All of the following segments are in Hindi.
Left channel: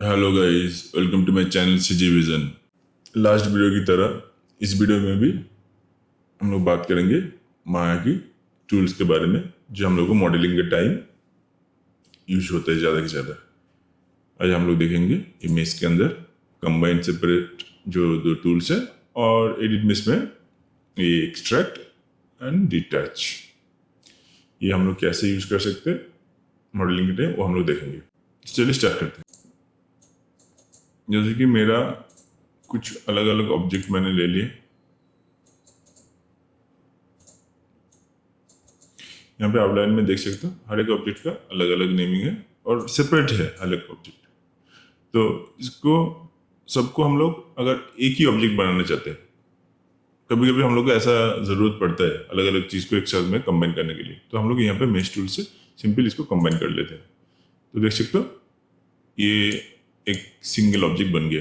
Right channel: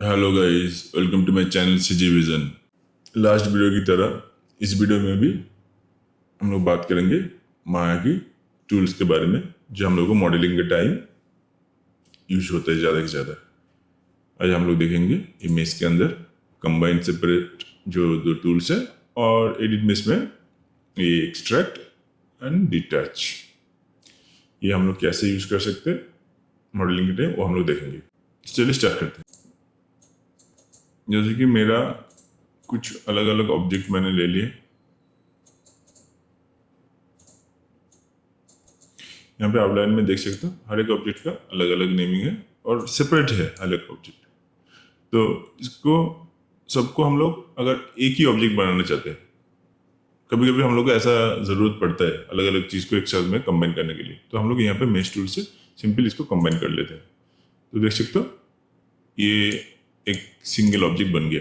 Hello guys, welcome to my channel CG Vision. Last video की तरह इस वीडियो में भी हम लोग बात करेंगे माया की टूल्स के बारे में जो हम लोग को मॉडलिंग के टाइम यूज होते हैं ज़्यादा से ज़्यादा। आज हम लोग देखेंगे इमेज के अंदर कंबाइंड सेपरेट जो दो टूल्स है और एडिट में इसमें ये एक्सट्रैक्ट एंड डिटैच, ये हम लोग कैसे यूज कर सकते हैं मॉडलिंग के टाइम वो हम लोग देखेंगे। चलिए स्टार्ट करते हैं। जैसे कि मेरा कुछ अलग अलग ऑब्जेक्ट मैंने ले लिए। यहाँ पे आउटलाइन में देख सकते हो हर एक ऑब्जेक्ट का अलग अलग नेमिंग है और सेपरेट है हर एक ऑब्जेक्ट। तो इसको सबको हम लोग अगर एक ही ऑब्जेक्ट बनाना चाहते हैं, कभी कभी हम लोग को ऐसा जरूरत पड़ता है अलग अलग चीज को एक साथ में कंबाइन करने के लिए, तो हम लोग यहाँ पे मेश टूल से सिंपल इसको कंबाइन कर लेते हैं। तो देख सकते हो ये एक सिंगल ऑब्जेक्ट बन गया।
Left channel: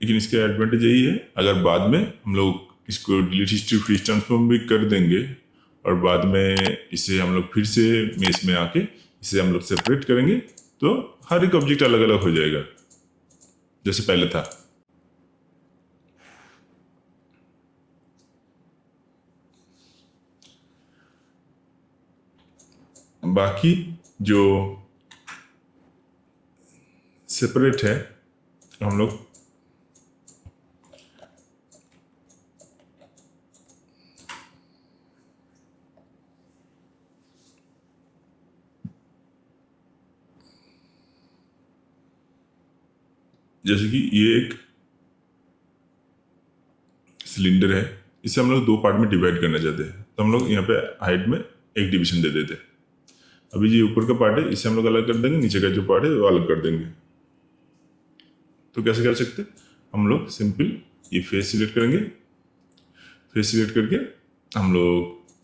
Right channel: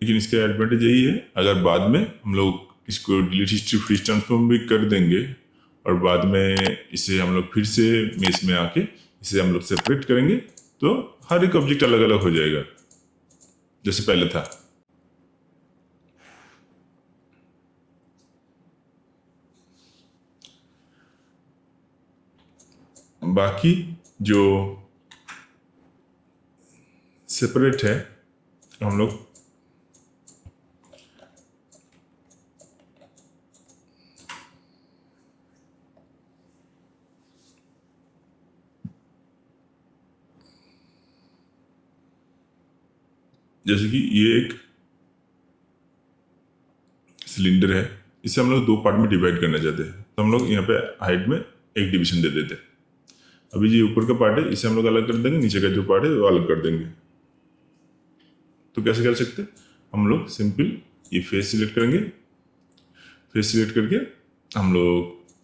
लेकिन इसका एडवांटेज यही है, अगर बाद में हम लोग इसको डिलीट हिस्ट्री फ्री ट्रांसफॉर्म भी कर देंगे और बाद में इसे हम लोग फिर से मेस में आके इसे हम लोग सेपरेट करेंगे तो हर एक ऑब्जेक्ट अलग अलग हो जाएगा जैसे पहले था। बाकी जो सेपरेट है हम लोग जैसे कि ये एक सिलेंडर है, इसे हम लोग दो पार्ट में डिवाइड करना चाहते हैं, तो हम लोग यहाँ पे हाइट में एक डिवीजन दे देते हैं। अभी जो ऊपर का पार्ट है इसे हम लोग अलग कर देंगे, नीचे का जो पार्ट है वो अलग कर देंगे। तो कैसे कर सकते हैं, हम लोग सिंपल ये फेस सिलेक्ट करेंगे, फेस सिलेक्ट करके हम लोग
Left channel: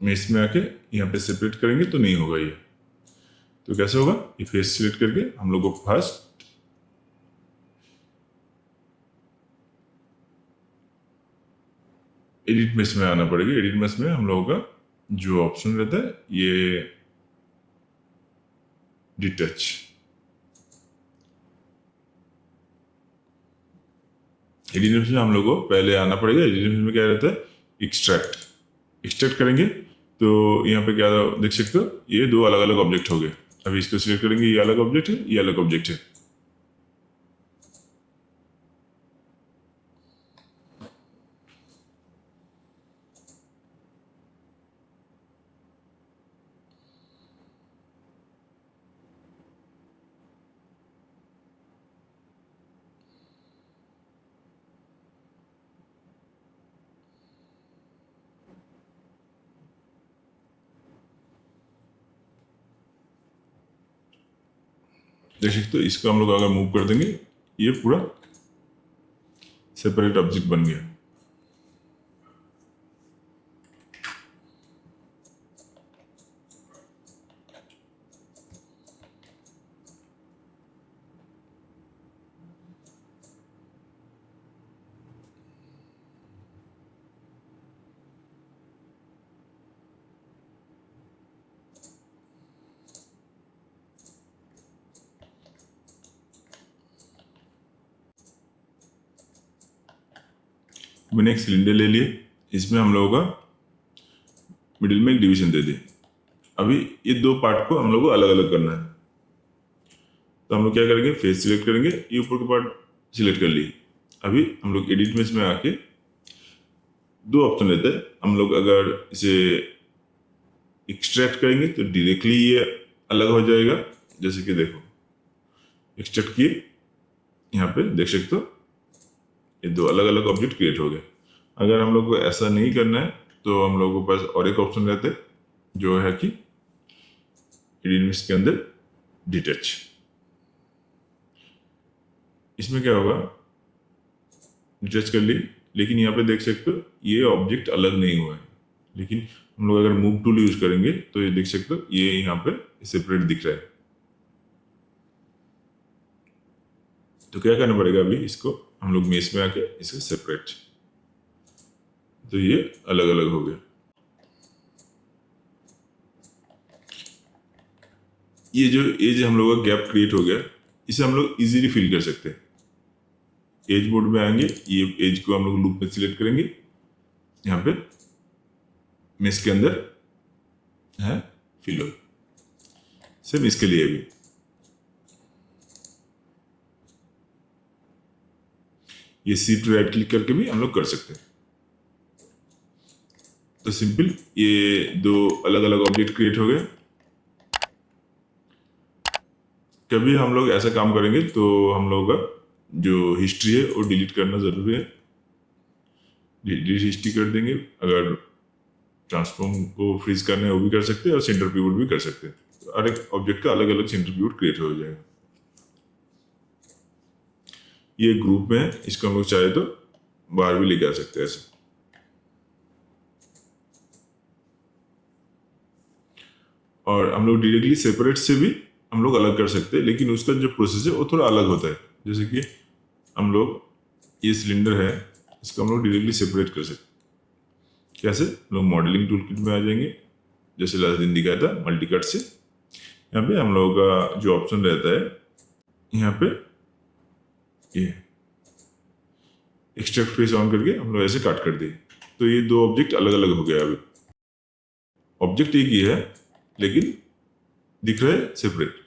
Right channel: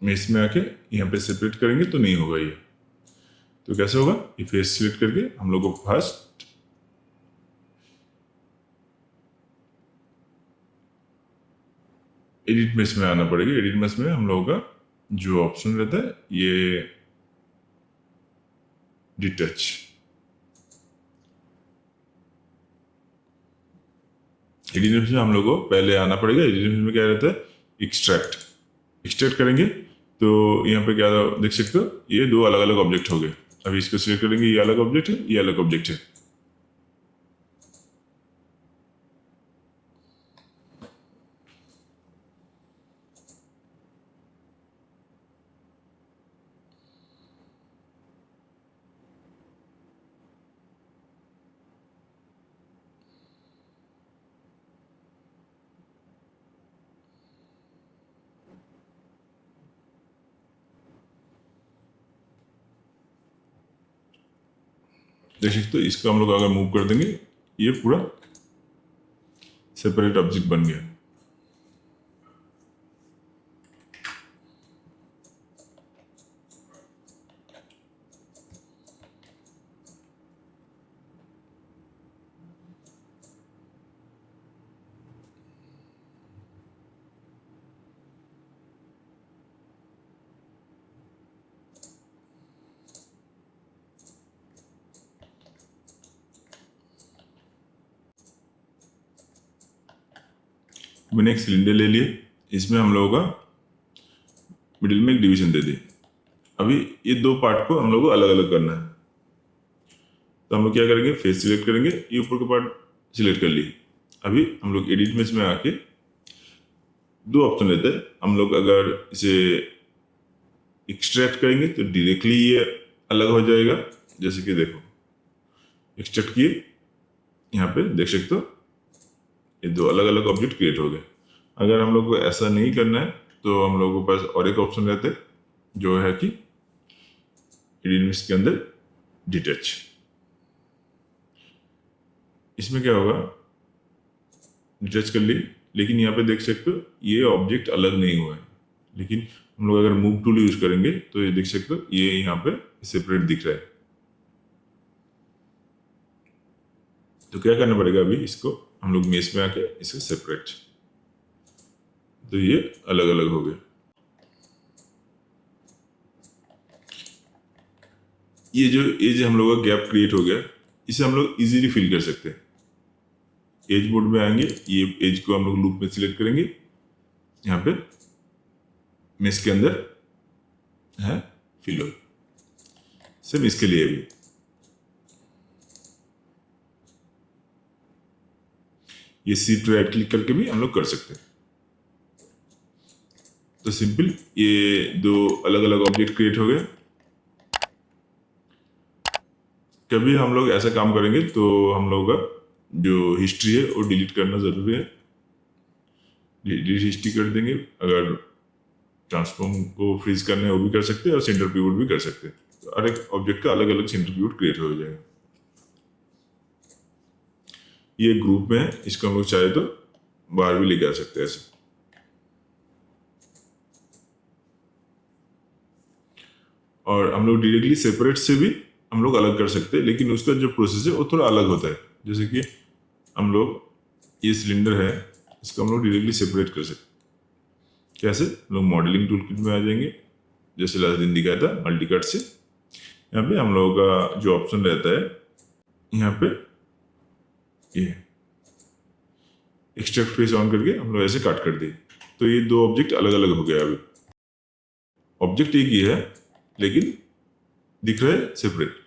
मेस में आके यहाँ पे सेपरेट करेंगे तो नहीं होगा ये। तो कैसे होगा, ये फेस सिलेक्ट करके हम लोग को फर्स्ट एडिट मेस में आना पड़ेगा। एडिट मेस में हम लोगों का जो ऑप्शन रहता है ये डिटैच, एडिट मेस में हम लोग को पहले आना पड़ेगा। एडिट मेस में क्या रहता है, एक्सट्रैक्ट, एक्सट्रैक्ट करेंगे तो यहाँ पे क्या देख सकते हो ये दो अलग अलग ऑब्जेक्ट हो गए। अभी इसको सिलेक्ट करेंगे, ये अलग ऑब्जेक्ट है, ये अलग ऑब्जेक्ट है। देख सकते हो इसको हम लोग अगर मूव कर देंगे ये पूरा सेपरेट ऑब्जेक्ट बन गया। मैंने एक सिलेंडर ले लिया, इसमें हम लोगों का मिडिल में एक डिवीजन दे दिया। अभी ये दो पार्ट को हम लोग को अलग अलग करना है, तो हम लोग क्या करेंगे, फेस सिलेक्ट करेंगे, ये ऊपर का पार्ट सिलेक्ट कर लिए। अभी हम लोग एडिट में इसमें आके दो ऑप्शन लेते हैं। हम लोग अगर इसे एक्सट्रैक्ट करेंगे तो डायरेक्टली ये अलग हो जाएगा। जैसे कि देखो एक्सट्रैक्ट किए, यहाँ पे देख सकते हो ये दो अलग अलग ऑब्जेक्ट क्रिएट हो गए। अगर हम लोग को ऐसा नहीं करना है तो हम लोगों के पास और एक ऑप्शन रहता है जो है कि एडिट के अंदर डिटैच। इसमें क्या होगा, डिटैच कर ली, लेकिन यहाँ पे देख सकते हो ये ऑब्जेक्ट अलग नहीं हुआ है। लेकिन हम लोग अगर मूव टूल यूज करेंगे तो ये दिख सकता है ये यहाँ पे सेपरेट दिख रहा है। तो क्या करना पड़ेगा, अभी इसको हम लोग मेस में आके इसको सेपरेट, तो ये अलग अलग हो गया। ये जो हम लोग का गैप क्रिएट हो गया, इसे हम लोग इजीली फिल कर सकते हैं। एज बोर्ड में आएंगे, ये एज को हम लोग लूप में सिलेक्ट करेंगे, यहाँ पे मेश के अंदर है फिल हो, सिर्फ इसके लिए भी। ये सीट राइट क्लिक करके भी हम लोग कर सकते हैं। तो सिंपल ये दो अलग अलग ऑब्जेक्ट क्रिएट हो गए। कभी हम लोग ऐसा काम करेंगे तो हम लोग का जो हिस्ट्री है वो डिलीट करना जरूरी है, डिलीट हिस्ट्री कर देंगे। अगर ट्रांसफॉर्म को फ्रीज करना है वो भी कर सकते हैं और सेंटर पिवट भी कर सकते हैं। तो हर एक ऑब्जेक्ट का अलग अलग सेंटर पिवट क्रिएट हो जाएगा। ये ग्रुप में है, इसको हम लोग चाहे तो बाहर भी लेके आ सकते हैं ऐसे। और हम लोग डायरेक्टली सेपरेट से भी हम लोग अलग कर सकते हैं, लेकिन उसका जो प्रोसेस है वो थोड़ा अलग होता है। जैसे कि हम लोग ये सिलेंडर है, इसको हम लोग डायरेक्टली सेपरेट कर सकते हैं। कैसे? हम लोग मॉडलिंग टूल किट में आ जाएंगे, जैसे लास्ट दिन दिखाया था मल्टी कट से। यहाँ पे हम लोगों का जो ऑप्शन रहता है, यहाँ पे ये एक्सट्रैक्ट फेस ऑन करके हम लोग ऐसे काट कर दिए, तो ये दो ऑब्जेक्ट अलग अलग हो गया। अभी ऑब्जेक्ट एक ही है लेकिन दिख रहा है सेपरेट।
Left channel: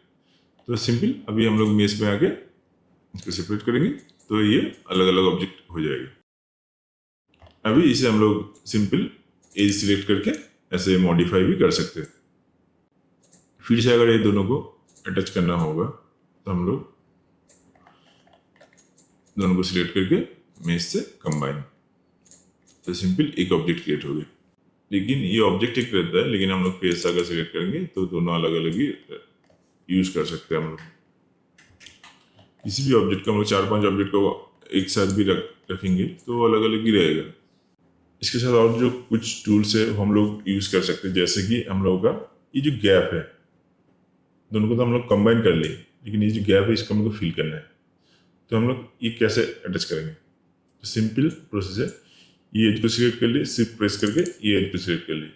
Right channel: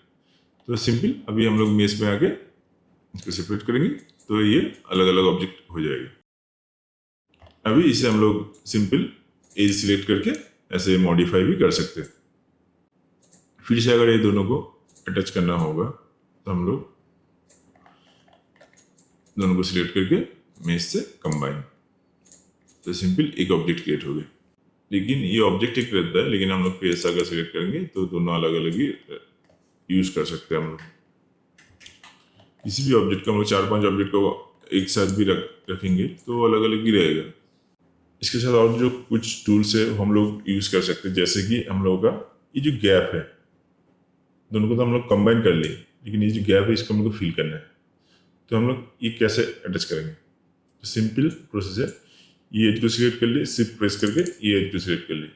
तो सिंपल अभी हम लोग मेश में आके इसको सेपरेट करेंगे तो ये अलग अलग ऑब्जेक्ट हो जाएगी। अभी इसे हम लोग सिंपल एज सिलेक्ट करके ऐसे मॉडिफाई भी कर सकते हैं। फिर से अगर ये दोनों को अटैच करना होगा तो हम लोग दोनों को सिलेक्ट करके मेश से कंबाइन, तो सिंपल एक ऑब्जेक्ट क्रिएट हो गया। लेकिन ये ऑब्जेक्ट एक रहता है, लेकिन हम लोग पेज अगर सिलेक्ट करेंगे तो दोनों अलग अलग ही यूज कर सकते हैं। हम लोग किसी भी ऑब्जेक्ट को हम लोग 4-5 ऑब्जेक्ट को एक साथ भी रखेंगे तो अलग अलग ही रहेगा। इसके साथ और जो कुछ टूल्स है हम लोग यूज कर सकते हैं, जैसे कि हम लोग का ये जो गैप है, दोनों को तो हम लोग कंबाइन कर ले, लेकिन ये जो गैप है इसको हम लोग को फिल करना है। तो हम लोग ये कैसे अटैच करेंगे? तो सिंपल प्रोसेस है, ये एज को सिलेक्ट कर लिए, सिर्फ प्रेस करके ये एज को सिलेक्ट कर लिए।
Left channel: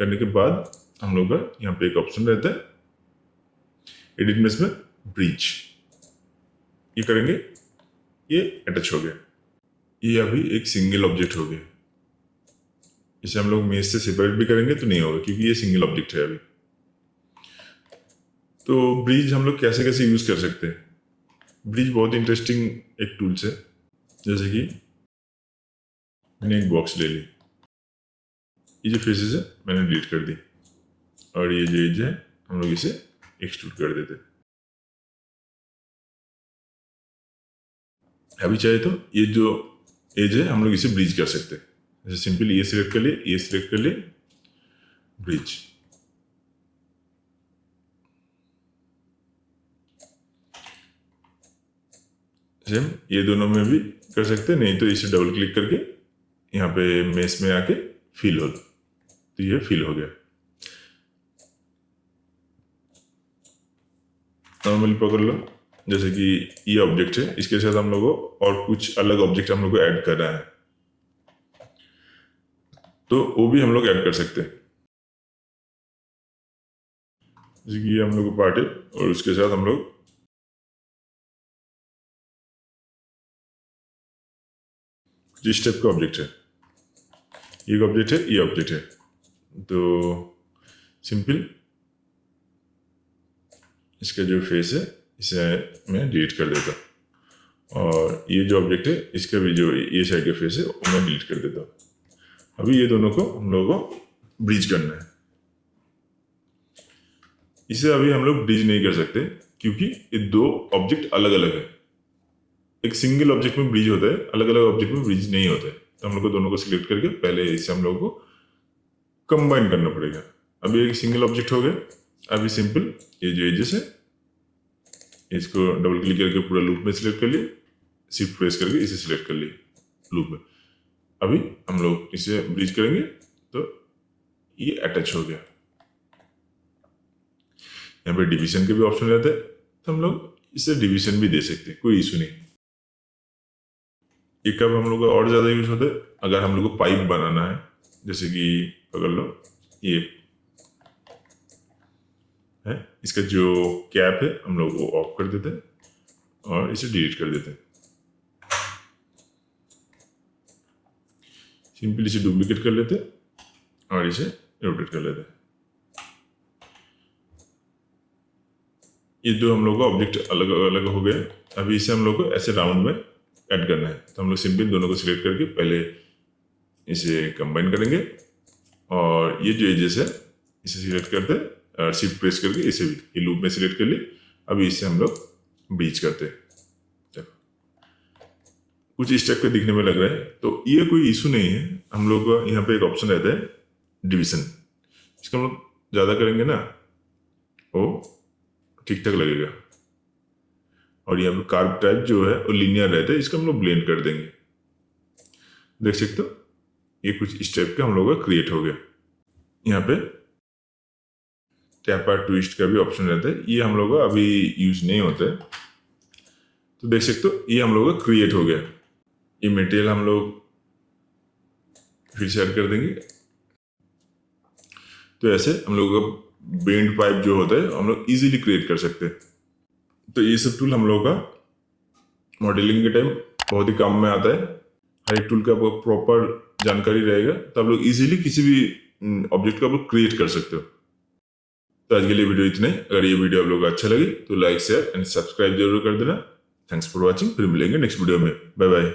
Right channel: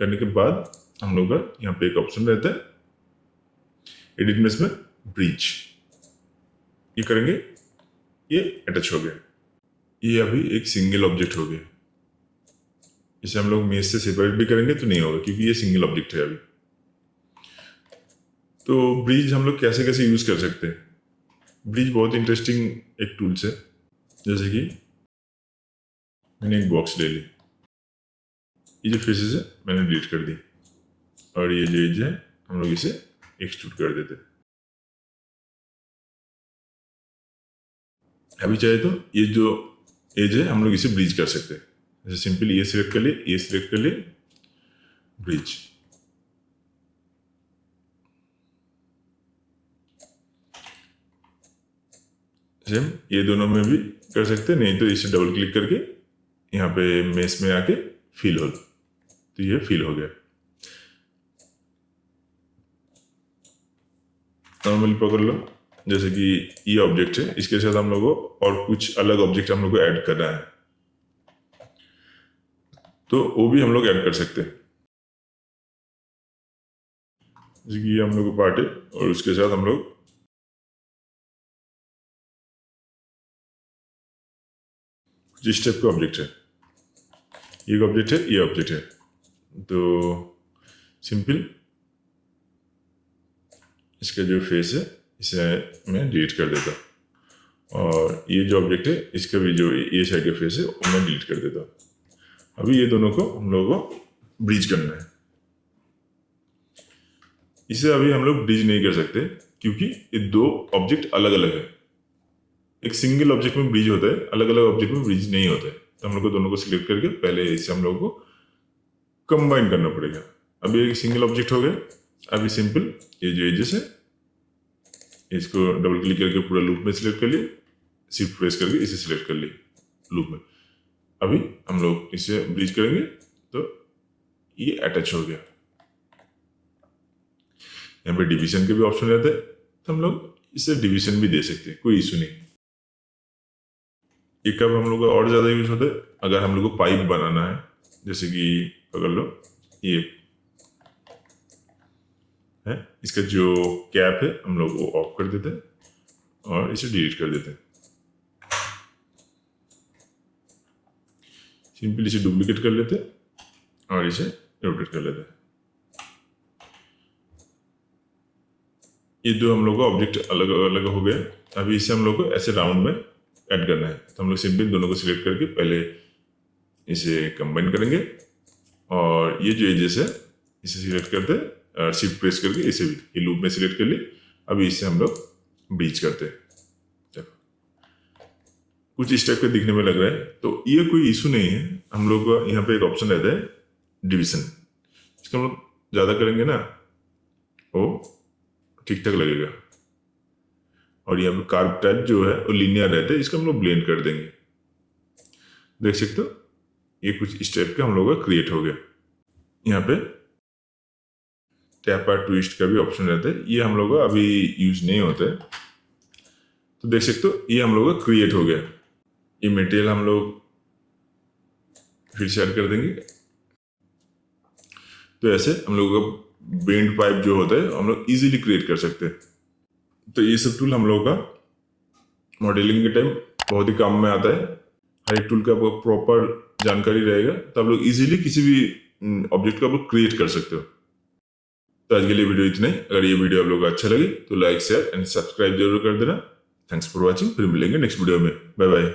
करने के बाद हम लोग का यहाँ पे एक ऑप्शन रहता है एडिट मेश में ब्रिज, ये करेंगे, ये अटैच हो गया। ये अभी एक सिंगल ऑब्जेक्ट हो गया। इसे हम लोग मेश से सेपरेट भी करेंगे तो नहीं होगा, क्योंकि ये सिंगल ऑब्जेक्ट है अभी। तो ब्रिज हम लोग कैसे कैसे यूज कर सकते हैं? ब्रिज बहुत इंटरेस्टिंग एक टूल्स है। जैसे कि मैंने एक बॉक्स ले ली, ये जो फेसेस है मैंने डिलीट कर दी, और ये जो एज है हम लोग इसे एक्सट्रूड कर देते हैं। अभी चाहे तो ये जो एज है हम लोग इसे ब्रिज कर सकते हैं। जैसे सिंपल ये सिलेक्ट कर लिए, ये सिलेक्ट कर लिए, ब्रिज। सेम ये दोनों में भी कर सकते हैं, नहीं तो इसे डबल क्लिक करके यहाँ पे मेश में आके फिल हो, तो ये फिल हो गया। नॉर्मली पकड़ लो, जैसे कि ये ऑब्जेक्ट है, इसके साथ हम लोग को और कुछ अलग ऑब्जेक्ट हम लोग को ऐड करना है, तो वो भी हम लोग ऐड कर सकते हैं। जैसे कि ये हम लोग को पार्ट है और उसके साथ हम लोग जिस टाइप का ऑब्जेक्ट है, ये ऑब्जेक्ट है, ये ऑब्जेक्ट है, तो सिंपल इसका जो फेस है इसे मैं डिलीट कर देता हूँ, और ये जो ऑब्जेक्ट है इसका भी जो ये साइड का फेस है वो मैं डिलीट कर देता हूँ। अभी ये दोनों को हम लोगों को ब्रिज करना है। इसे अभी हम लोग ब्रिज नहीं कर सकते क्योंकि ये दो ऑब्जेक्ट अलग अलग है। एक सिंगल ऑब्जेक्ट में ब्रिज होता है, अलग अलग ऑब्जेक्ट में ब्रिज नहीं होता है। तो हम लोग को दोनों को सिलेक्ट करके पहले इसे हम लोगों को कंबाइन करना पड़ेगा। अभी एक सिंगल ऑब्जेक्ट हो गया। अभी सिंपल ये जो एजेस है इसको डबल क्लिक करके पूरा लूप में सिलेक्ट कर लिया, सिर्फ प्रेस करके इसे सिलेक्ट कर लिया लूप में। अभी हम लोग इसे ब्रिज करेंगे तो ये अटैच हो गया। यहाँ पे डिवीजन के भी ऑप्शन रहते हैं, तो हम लोग इसे डिवीजन भी दे सकते हैं, कोई इशू नहीं। ये कब हम लोग का और ज्यादा यूज होता है? अगर हम लोग को पाइप बनाना है, जैसे कि पकड़ लो ये है। इसका जो कैप है हम लोग वो ऑफ कर देते हैं और इसे डिलीट कर देते हैं। सिंपली इसे डुप्लीकेट कर लेते हैं और इसे इम्पोर्ट कर लेते हैं। ये दो हम लोग को ऑब्जेक्ट अलग अलग हो गया। अभी इसे हम लोग को ऐसे राउंड में ऐड करना है, तो हम लोग सिंपली दोनों को सिलेक्ट करके पहले इसे कंबाइन करेंगे और ये जो एजेस है इसे सिलेक्ट करते हैं और शिफ्ट प्रेस करके इसे भी लूप में सिलेक्ट कर लिए। अभी इसे हम लोग ब्रीच करते हैं। कुछ इस टाइप के दिखने में लग रहा है, तो ये कोई इशू नहीं है। हम लोग को यहाँ पे एक ऑप्शन रहता है डिवीजन, इसका हम लोग ज्यादा करेंगे ना वो ठीक ठाक लगेगा। और ये हम कार्व टाइप जो है वो लीनियर रहता है, इसको हम लोग ब्लेंड कर देंगे। देख सकते हो ये कुछ इस टाइप का हम लोग का क्रिएट हो गया। यहाँ पे टैप और ट्विस्ट का भी ऑप्शन रहता है, ये हम लोग का अभी यूज नहीं होते हैं। तो देख सकते हो ये हम लोग का क्रिएट हो गया। ये मटेरियल हम लोग फिर से ऐड कर देंगे। तो ऐसे हम लोग का बेंड पाइप जो होता है हम लोग इजीली क्रिएट कर सकते हैं। तो ये सब टूल हम लोग का मॉडलिंग के टाइम बहुत ही काम में आता है। हर एक टूल का वो प्रॉपर जानकारी रहेगा, तो आप लोग इजीली किसी भी ऑब्जेक्ट का वो क्रिएट कर सकते हो। तो आज के लिए वीडियो इतने। अगर ये वीडियो आप लोग को अच्छा लगे तो लाइक शेयर एंड सब्सक्राइब जरूर कर देना। Thanks for watching. फिर मिलेंगे नेक्स्ट वीडियो में। Bye bye.